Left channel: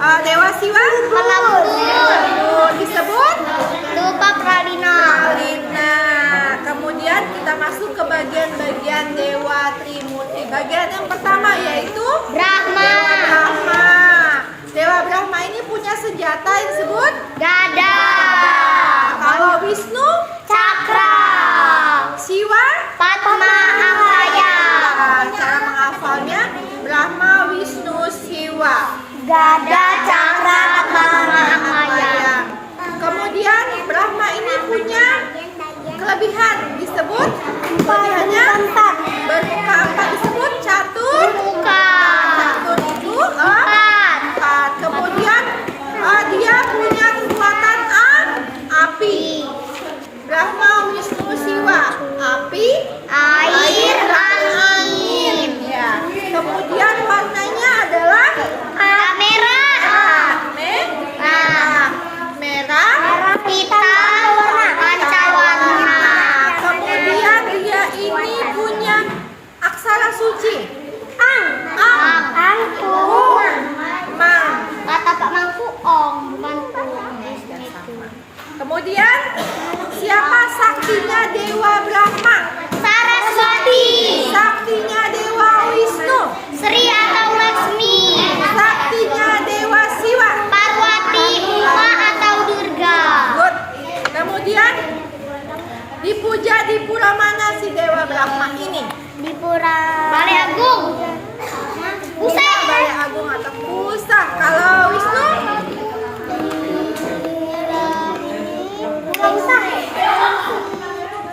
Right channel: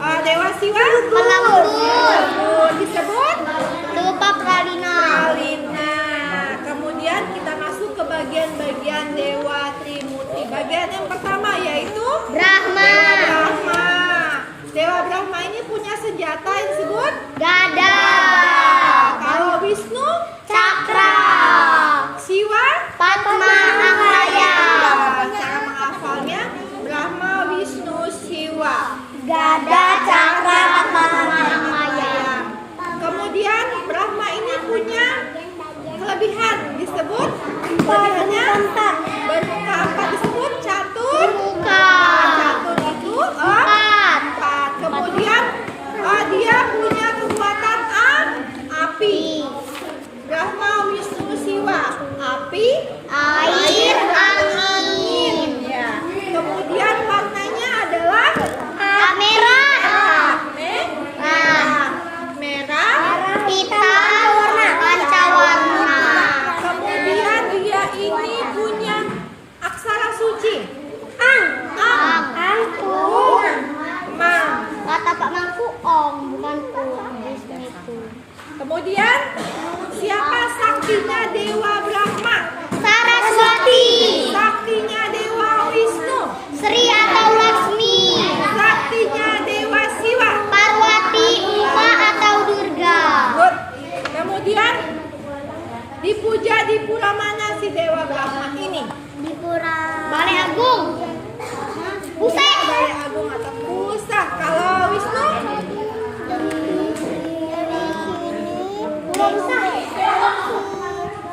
Dewa Siwa? Lembut. Disebut? Lupa Pralina. Pralina. Kemudian kita masuk ke bagian-bagian Dewa Trimurti. Bagian yang pertama yaitu Brahma. Dewa Brahma. Dewa Brahma ini punya senjata yang disebut Gada. Kalau Wisnu? Cakra. Siwa? Padma Angaya. Cara menghafalnya Brahma, Wisnu, Siwa. Gada, Cakra, Padma Angaya. Kemudian Brahma ini punya kelebihan disebut kelebihannya bermuka empat disebut catur. Bermuka. Catur itu empat. Kemudian dia punya kekuatan api. Brahma, Wisnu, Siwa. Api, Air, angin. ya. Kemudian warnanya adalah Merah. merah, Hitam, pancawarna. kemudian dia ini punya aksara suci. Angku. Mang. Kata Pak Mangku Ong, bukan Ong. Kemudian siapa saktinya Dewa Brahma? Saraswati. Saktinya Dewa Wisnu? Sri atau Laksmi. Saktinya Dewa Siwa? Parwati. Uma atau Durga. Good. Kemudian dipuja di pura mana si Dewa Brahma ini? Di Pura Balai Agung. Pusat. Balai Agung atau Pusat. Kalau Wisnu? Pura Pusat.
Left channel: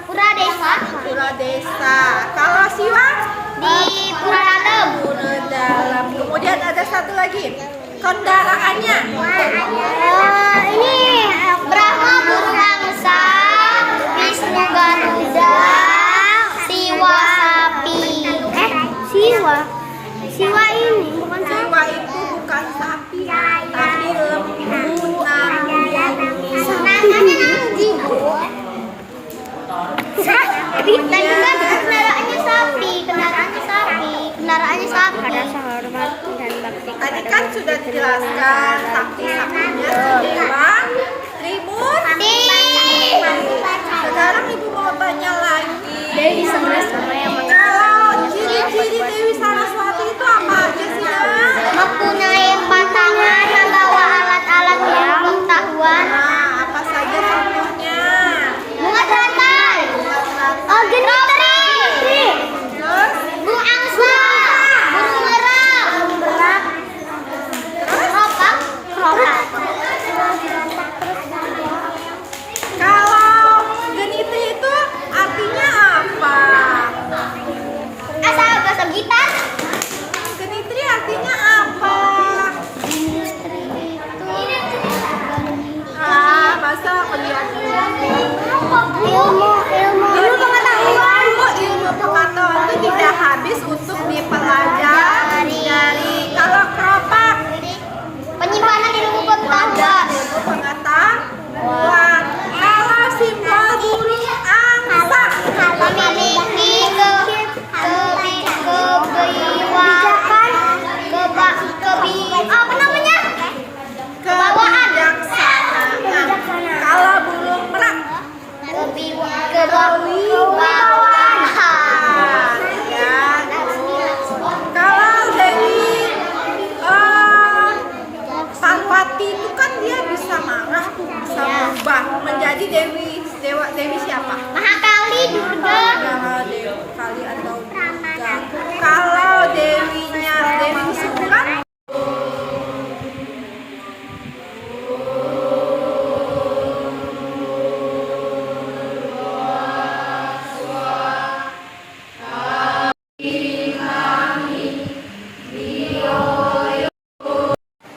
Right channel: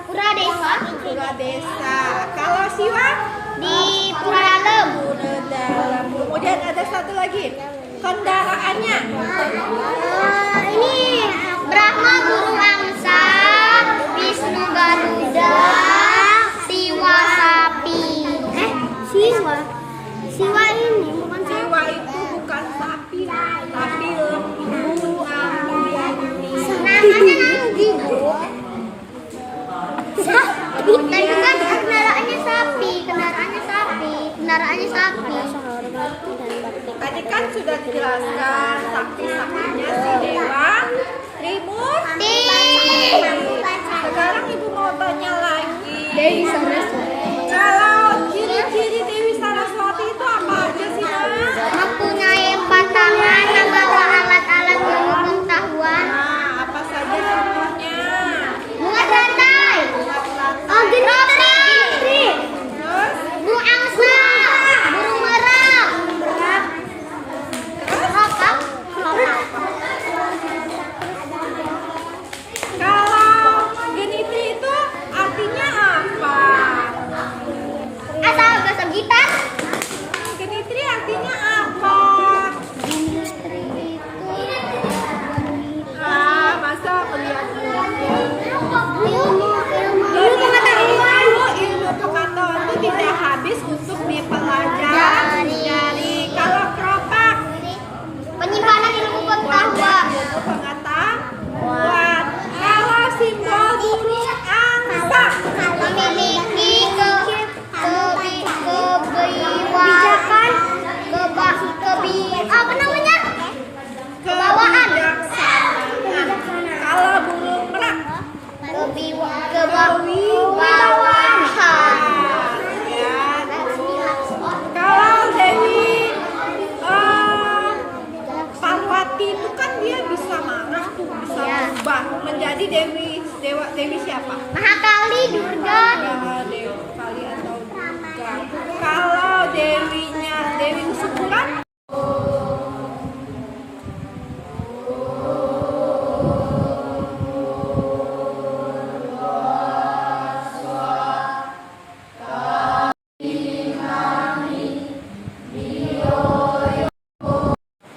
Pura Desa. Pura Desa. Kalau Siwa? Di Pura Dalem. Pura Dalam. Kemudian ada satu lagi. Kendaraannya. Ini Brahma burung angsa, Wisnu Garuda, Siwa sapi. Siwa ini bukan Siwa itu bukan sapi, tapi lembu namanya. Kendaraannya sapi, kendaraannya sapi, kendaraannya sapi. Tadi kan sudah dijelaskan sakti-saktinya si Dewa Trimurti. Sekarang ibu mau tanya lagi. Dewi Saraswati. Kalau ciri-ciri Dewi Saraswati itu apa aja sih, Nak? Mempunyai 4 tangan, membawa alat-alat pengetahuan. Nah, apa saja contohnya? Bunga terantai. Roti. Terus? Burung angsa. Burung merah. Terus? Apa? Kalau geniti itu artinya apa? Asal bahasa gitar. Genitri artinya apa? Masa kuliah dulu. Ilmu pengetahuan. Ilmu pengetahuan itu tidak habis untuk dipelajari. Kalau keropak, Penyimpanan ilmu wadah pengetahuan. ilmu pengetahuan. Kalau simbol burung angsa, Memiliki kebijakan, apa namanya? kebijaksanaan. Kalau burung merak, Kewibawaan. ya. Kalau Dewi Parwati itu kan dia bisa marah, bisa berubah menjadi Dewi siapa? Mahakali, Durga. Dewi Kali atau Durga. Kalau Dewinya Dewi Sukuran,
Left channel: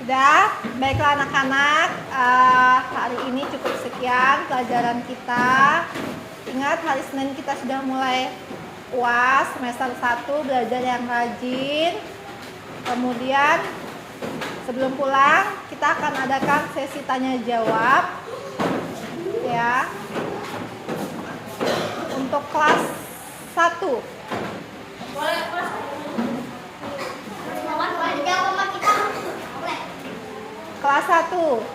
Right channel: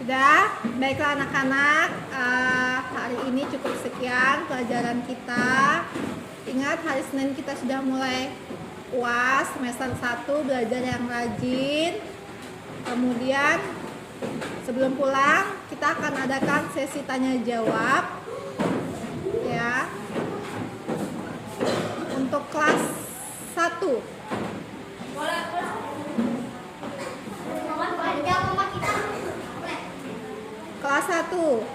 sudah. Baiklah anak-anak, hari ini cukup sekian pelajaran kita. Ingat hari Senin kita sudah mulai UAS semester 1, belajar yang rajin. Kemudian sebelum pulang kita akan adakan sesi tanya jawab ya untuk kelas 1. satu.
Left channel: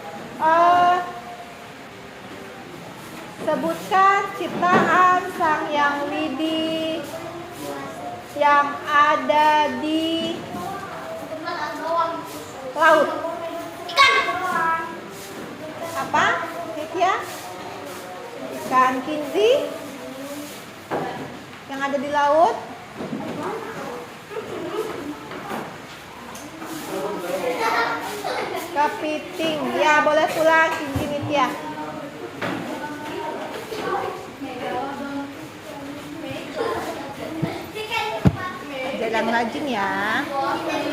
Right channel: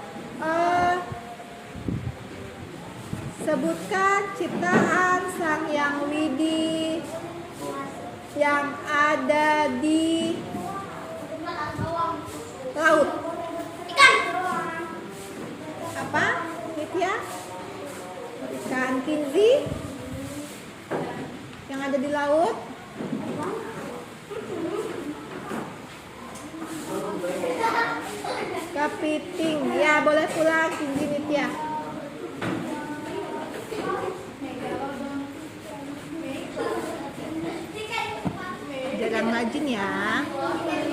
Sebutkan ciptaan Sang Hyang Widi yang ada di laut. Apa? Nitya? Ikan kinzi yang ada di laut. Kepiting. Ya, boleh pulang kinzi Nitya. Jalan rajin ya.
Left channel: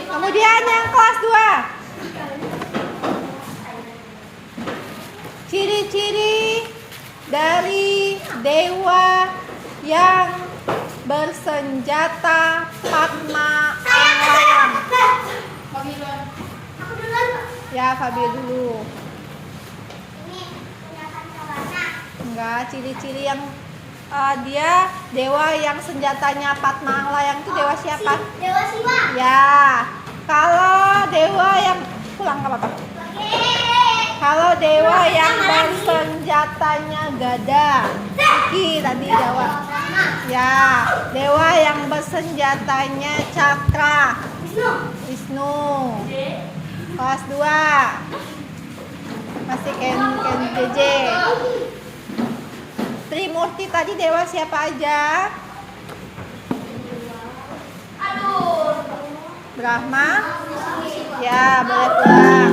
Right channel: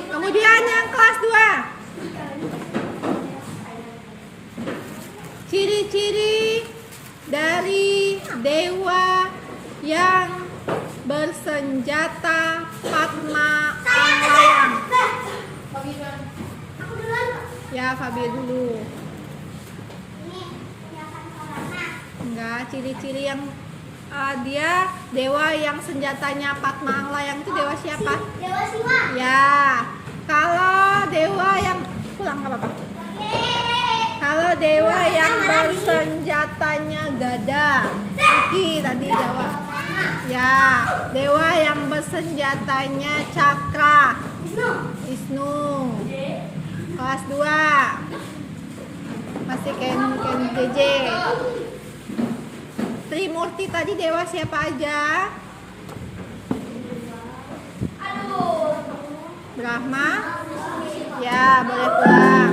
Kemudian yang kelas 2. Ciri-ciri dari dewa yang bersenjata Padma Anglayang. Ya, Fabi dulu. Enggak, ciri-ciri yang dia dewa yang senjatanya Padma Anglayang itu dewa siapa? Dewa Siwa. Ya, kalau dewa yang pulang nggak apa-apa. Kalau dewa yang bersenjatanya gada, Iki tadi jawab. Ya, dewa yang bersenjatanya cakra, Wisnu. Kelas 2. Masih Ken JJ. Trimurti tadi dewa siapa aja? Brahma. Ya, boleh pulang.